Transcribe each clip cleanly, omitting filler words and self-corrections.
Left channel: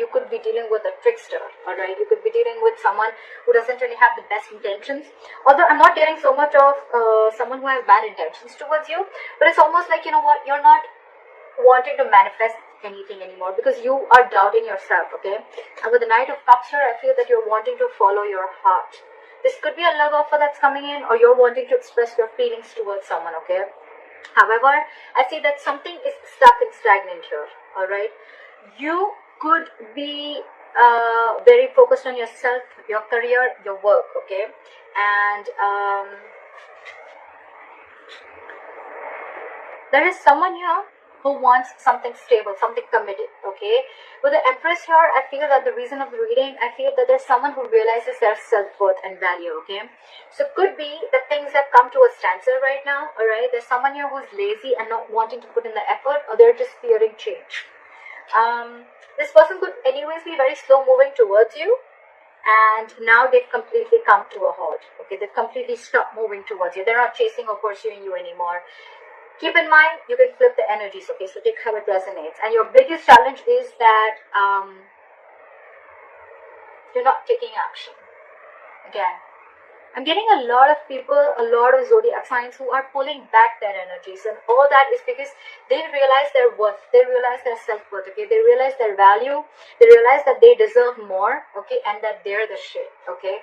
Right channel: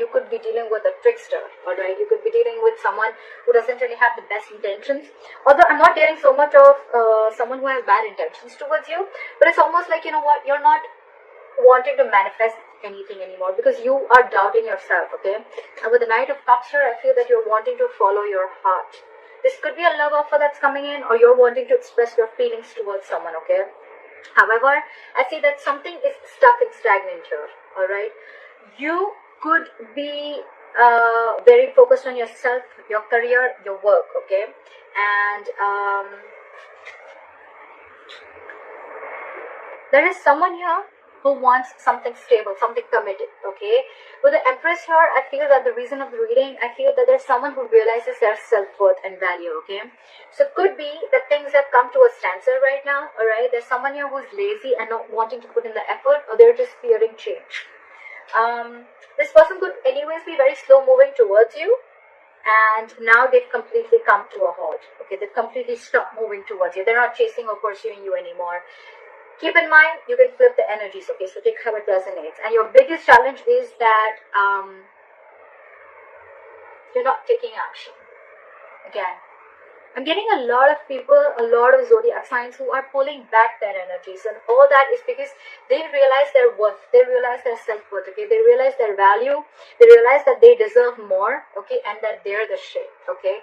you could be dealing with a trickster, alright? You could be dealing with someone who doesn't really have the best intentions. Although I'm not getting so much of someone who has bad intentions towards you, but it's almost like, you know what, you're not wanting to manifest anything anymore because you are doubting yourself, okay? And with the Knight of Cups here, I feel that you're wanting to follow your heart. This could be a love offer that's coming in, or you're wanting to express your feelings towards someone, okay? However, I see that something is stuck and stagnant here, alright? You could be very focused on yourself, your career, your work, okay? And there is someone here who wants something stable, something committed, okay? With the Empress here, I feel that the reason of the reading, I feel that there's someone who realizes their self-worth and value, okay? So it could be that things have come to a standstill right now, alright? There's someone here who's lazy and not wanting to put in the effort, or they're just fearing change. This person could anyways be very slow moving towards you, and now they've completely come to a halt, okay? They've completely stopped moving towards you. They're not chasing or pursuing you anymore. Keep in mind, you can flip the energies, okay? So take how it resonates. And your biggest challenge is that you're not taking action. Again, I'm getting a lot of people, a lot of zodiac signs who are pulling back their energies. And all that is because they realize their worth. They realize their self-worth, okay? They realize their value. They realize that they deserve more, okay? And that they're the shit, okay?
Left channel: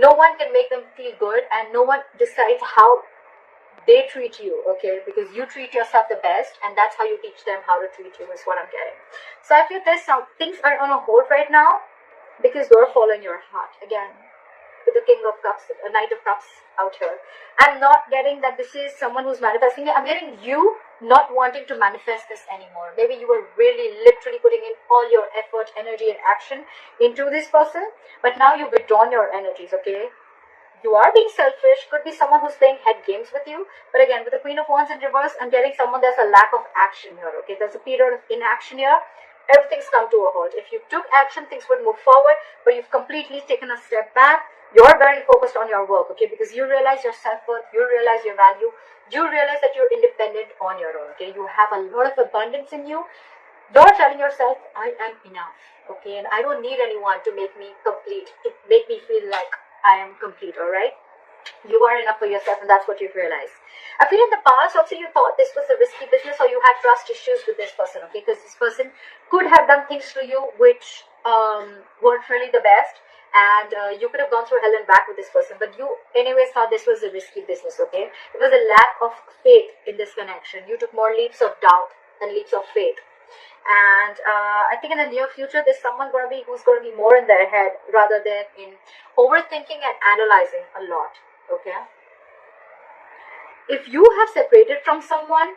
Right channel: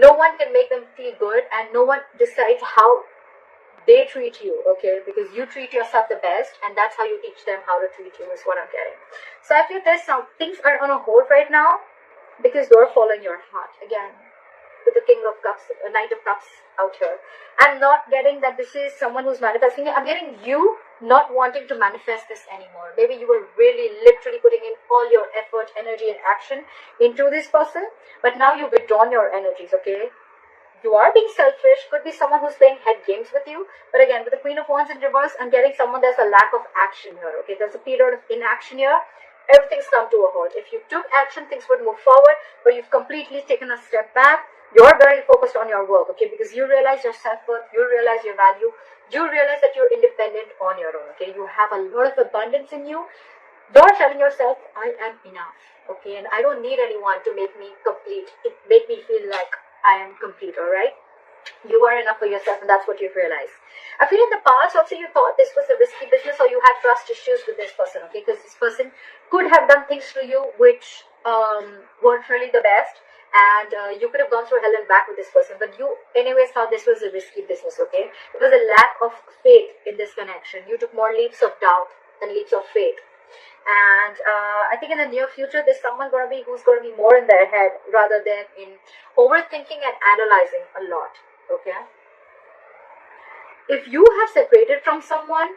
No one can make them feel good, and no one decides how they treat you, okay? Because you treat yourself the best, and that's how you teach them how to treat you, is what I'm getting. So I feel there's some things are on a hold right now because you're following your heart. Again, with the King of Cups, Knight of Cups out here, I'm not getting that this is someone who's manifesting it. I'm getting you not wanting to manifest this anymore. Maybe you were really literally putting in all your effort, energy, and action into this person, but now you've withdrawn your energies, okay? You are being selfish. Could be someone who's playing head games with you. But again, with the Queen of Wands in reverse, I'm getting someone there's a lack of action here, okay? There's a period of inaction here. Everything's come to a halt. If you took action, things would move forward, but you've completely taken a step back. You're very focused on your work, okay? Because you realize your self-worth, you realize your value, you realize that you're independent on your own, okay? You have a lot of abundance in you. You're telling yourself, I am enough, okay? And I don't need anyone to make me complete. It make me feel like I am complete, alright? You are enough for yourself, and that's what you've realized. I feel in the past also you thought this was a risky business, or you had trust issues with this person, okay? Because this person could have done things to you which weren't really the best, and you could have gone through hell and back with this person, but you anyways thought this was a risky business, okay? It was a lack of faith in this connection. You took more leaps of doubt than leaps of faith. And I think in the near future, there's someone who's going to be more in their head rather than in overthinking and analyzing a lot, okay? If you have separated from someone,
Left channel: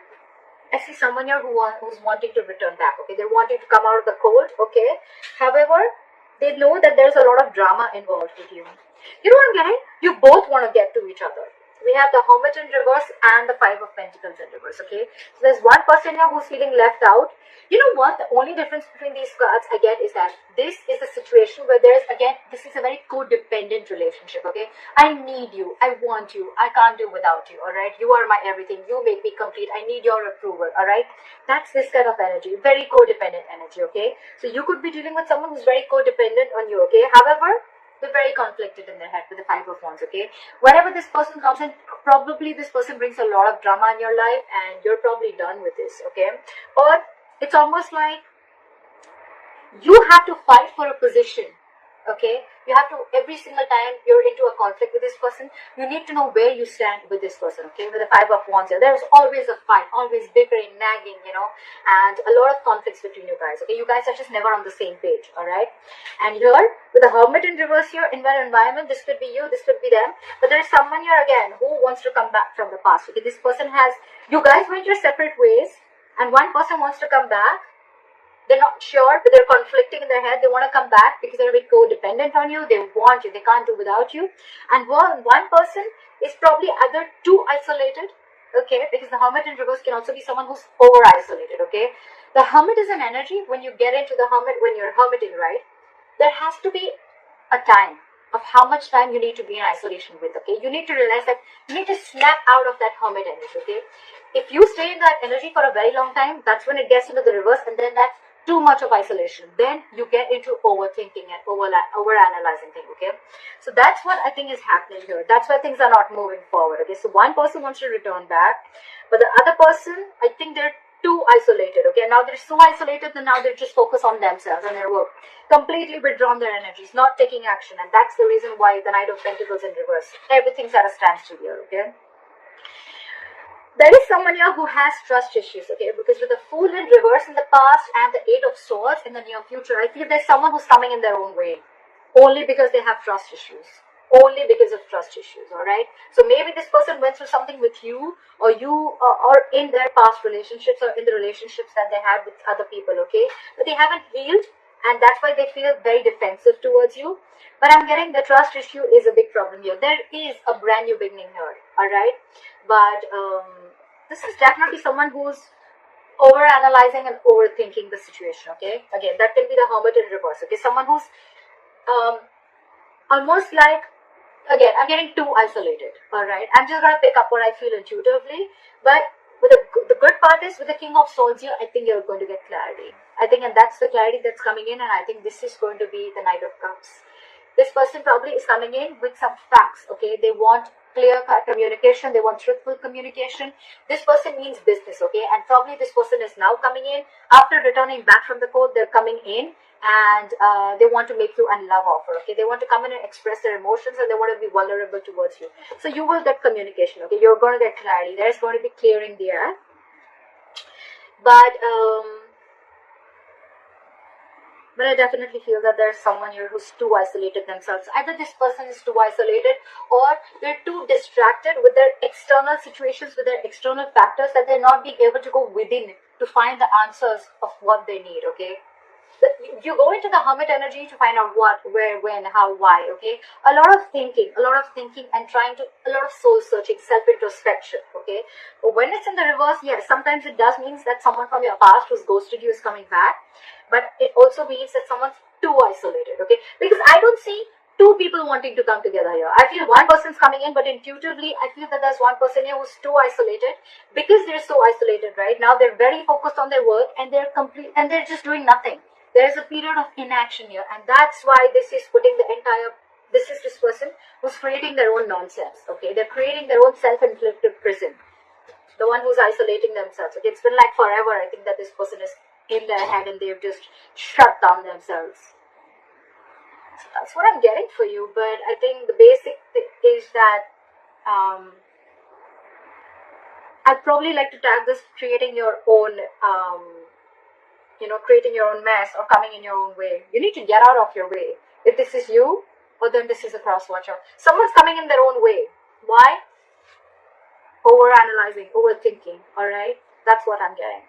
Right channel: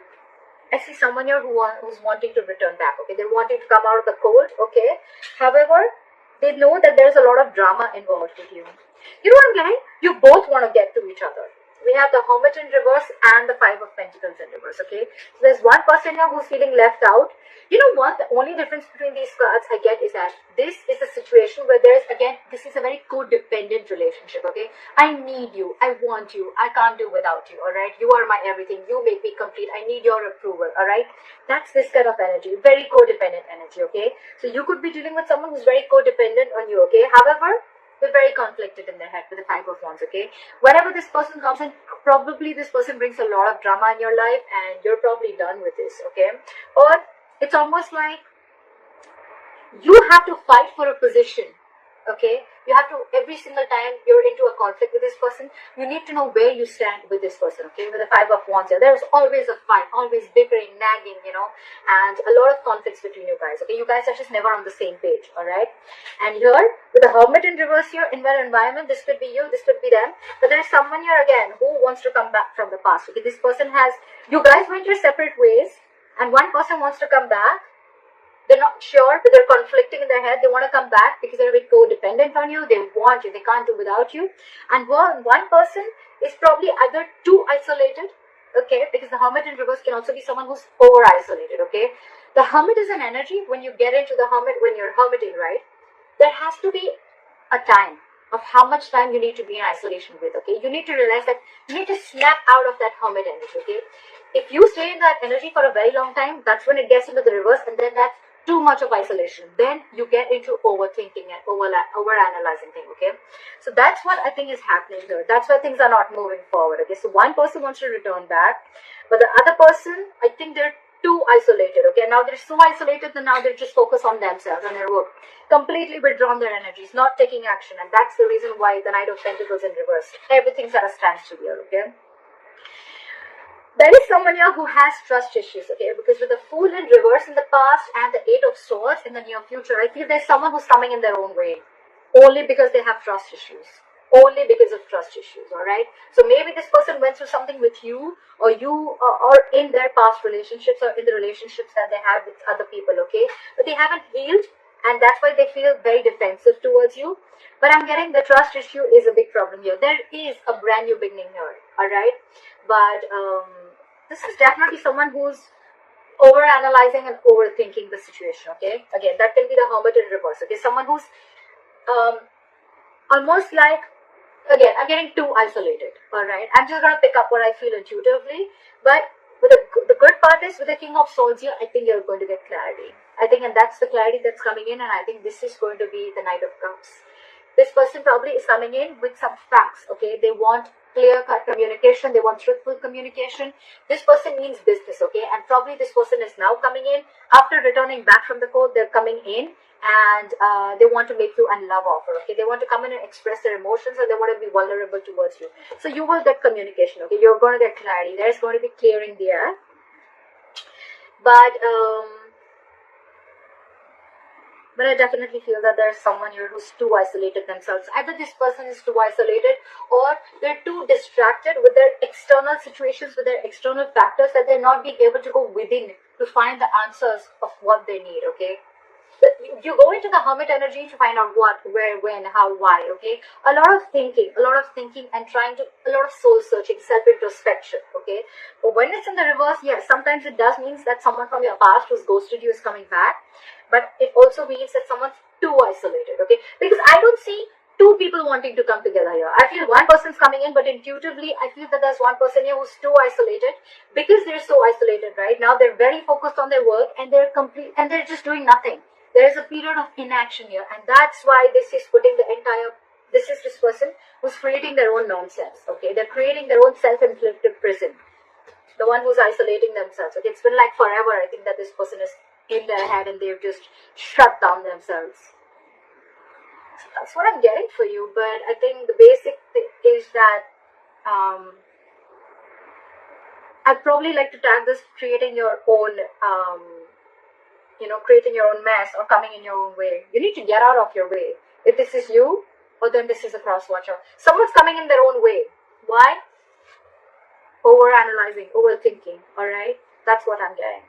I see someone here who's wanting to return back, okay? They're wanting to come out of the cold, okay? However, they know that there's a lot of drama involved with you. You know what I'm getting? You both want to get to each other. We have the Hermit in reverse and the Five of Pentacles in reverse, okay? So there's one person here who's feeling left out. You know what? The only difference between these cards, again, is that this is a situation where there's, again, this is a very codependent relationship, okay? I need you. I want you. I can't do without you, all right? You are my everything. You make me complete. I need your approval, all right? That's this kind of energy, very codependent energy, okay? So you could be dealing with someone who's very codependent on you, okay? However, they're very conflicted in their head with the Five of Wands, okay? Wherever this person comes in, probably this person brings a lot of drama in your life, and you're probably done with this, okay? Or it's almost like you have to fight for a position, okay? You have to, every single time you're into a conflict with this person, you need to know where you stand with this person, okay? With the Five of Wands here, there's always a fight, always bickering, nagging, you know, and a lot of conflicts between you guys, okay? You guys are just never on the same page, all right? And here, with the Hermit in reverse here, in one environment, this could be you, this could be them, but there's someone here again who wants to come back from the past, okay? This person has, you guys went your separate ways, and one person wants to come back. They're not sure, but they're conflicting in their head. They want to come back because they're very codependent on you. They want you. They can't do without you. And one person is probably either too isolated, okay, because the Hermit in reverse can also be someone who's over-isolated, okay. The Hermit is an energy. When you get into the Hermit, when you're hermiting, right, there has to be a time of how much time you need to be in isolation with, okay. You need to realize that you need to snap out of that Hermit energy, okay. If you stay in that energy for a very long time, that's when it gets into the reverse, and then that's too much of isolation, then you get into overthinking and overanalyzing things, okay? So that's what I think is happening here. That's why things are not moving forward, okay? So one person wants to return back, but the other person, I think they're too isolated, okay? Now they're so isolated that now they're just focused on themselves and their work. Completely withdrawn their energies, not taking action, and that's the reason why the Knight of Pentacles in reverse. Everything's at a standstill here, okay? There is someone here who has trust issues, okay? Because with the Fool in reverse in the past and the Eight of Swords in the near future, I feel there's someone who's coming in their own way. Only because they have trust issues. Only because of trust issues, alright? So maybe this person went through something with you, or or in their past relationships, or in the relationships that they had with other people, okay? But they haven't healed, and that's why they feel very defensive towards you. But I'm getting the trust issue is a big problem here. There is a brand new beginning here, alright? But this is definitely someone who's overanalyzing and overthinking the situation, okay? Again, that can be the Hermit in reverse, okay? Someone who's almost like, again, I'm getting too isolated, alright? I'm just going to pick up what I feel intuitively. But with the good part is, with the King of Swords here, I think you're going to get clarity. I think, and that's the clarity that's coming in, and I think this is going to be the Knight of Cups. This person probably is coming in with some facts, okay? They want clear-cut communication. They want truthful communication. This person means business, okay? And probably this person is now coming in. After returning back from the court, they're coming in and they want to make you a love offer, okay? They want to come in and express their emotions, and they want to be vulnerable towards you. So you will get communication, okay? You're going to get clarity. There's going to be clearing the air. But I definitely feel that there's someone here who's too isolated themselves. Either this person is too isolated, or they're too distracted with their external situations, with their external factors, that they're not being able to go within to find the answers of what they need, okay? You go into the Hermit energy to find out what, where, when, how, why, okay? A lot of thinking and a lot of soul searching, self-introspection, okay? But when it's in the reverse, yes, sometimes it does mean that someone from your past who's ghosted you is coming back. But it also means that someone's too isolated, okay? Because I don't see two people wanting to come together here. I feel one person's coming in, but intuitively, I feel that there's one person here who's too isolated. Because they're so isolated right now, they're very focused on their work, and they're just doing nothing. There is a period of inaction here, and that's why this is this person who's creating their own nonsense, okay? They're creating their own self-inflicted prison. The one who's isolating themselves, okay? It's been like forever, I think, that this person is in their head and they've just shut down themselves. So that's what I'm getting for you. But I think the basic thing is that I'd probably like to tag this creating your own mess, or coming in your own way. You need to get out of your way. If this is you, or then this is a cross watcher. Someone's coming in their own way. Why? Overanalyzing, overthinking, alright? That's what I'm getting.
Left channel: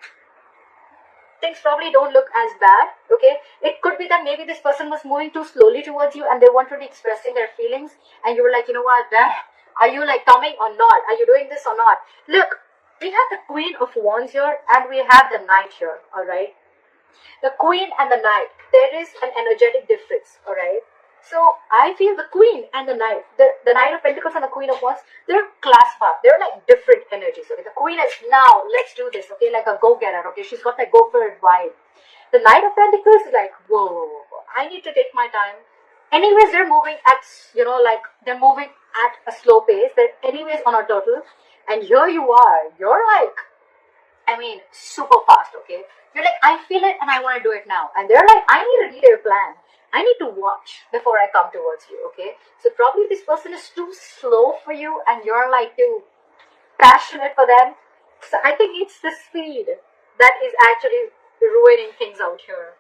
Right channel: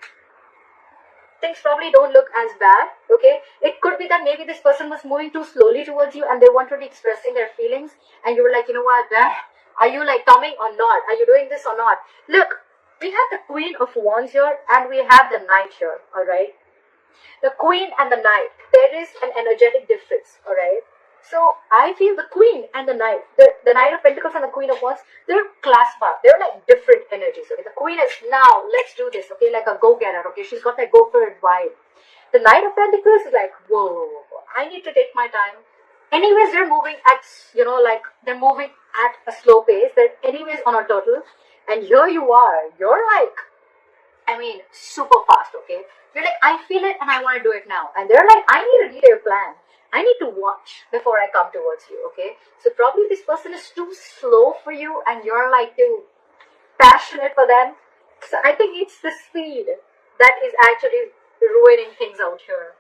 Things probably don't look as bad, okay? It could be that maybe this person was moving too slowly towards you, and they wanted to be expressing their feelings, and you were like, you know what, are you like coming or not? Are you doing this or not? Look, we have the Queen of Wands here, and we have the Knight here, alright? The Queen and the Knight, there is an energetic difference, alright? So I feel the Queen and the Knight, the Knight of Pentacles and the Queen of Wands, they're class part. They're like different energies. Okay, the Queen is now, let's do this. Okay, like a go-getter. Okay, she's got that go for it vibe. The Knight of Pentacles is like, whoa, I need to take my time. Anyways, they're moving at, they're moving at a slow pace. They're anyways on a turtle, and here you are. You're like, super fast. Okay, you're like, I feel it and I want to do it now. And they're like, I need a detailed plan. I need to watch before I come towards you, okay? So probably this person is too slow for you, and you're like too passionate for them. So I think it's the speed that is actually ruining things out here.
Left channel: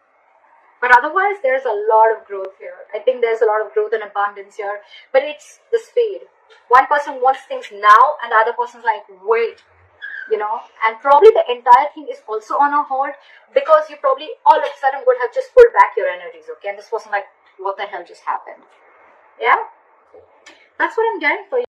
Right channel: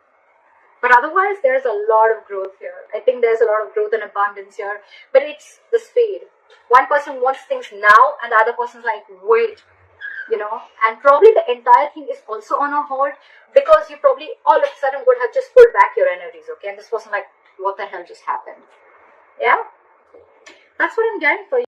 But otherwise, there's a lot of growth here. I think there's a lot of growth and abundance here. But it's the speed. One person wants things now, and the other person's like, wait. And probably the entire thing is also on a hold, because you probably all of a sudden would have just pulled back your energies, okay? And this person like, what the hell just happened? Yeah? That's what I'm getting for you.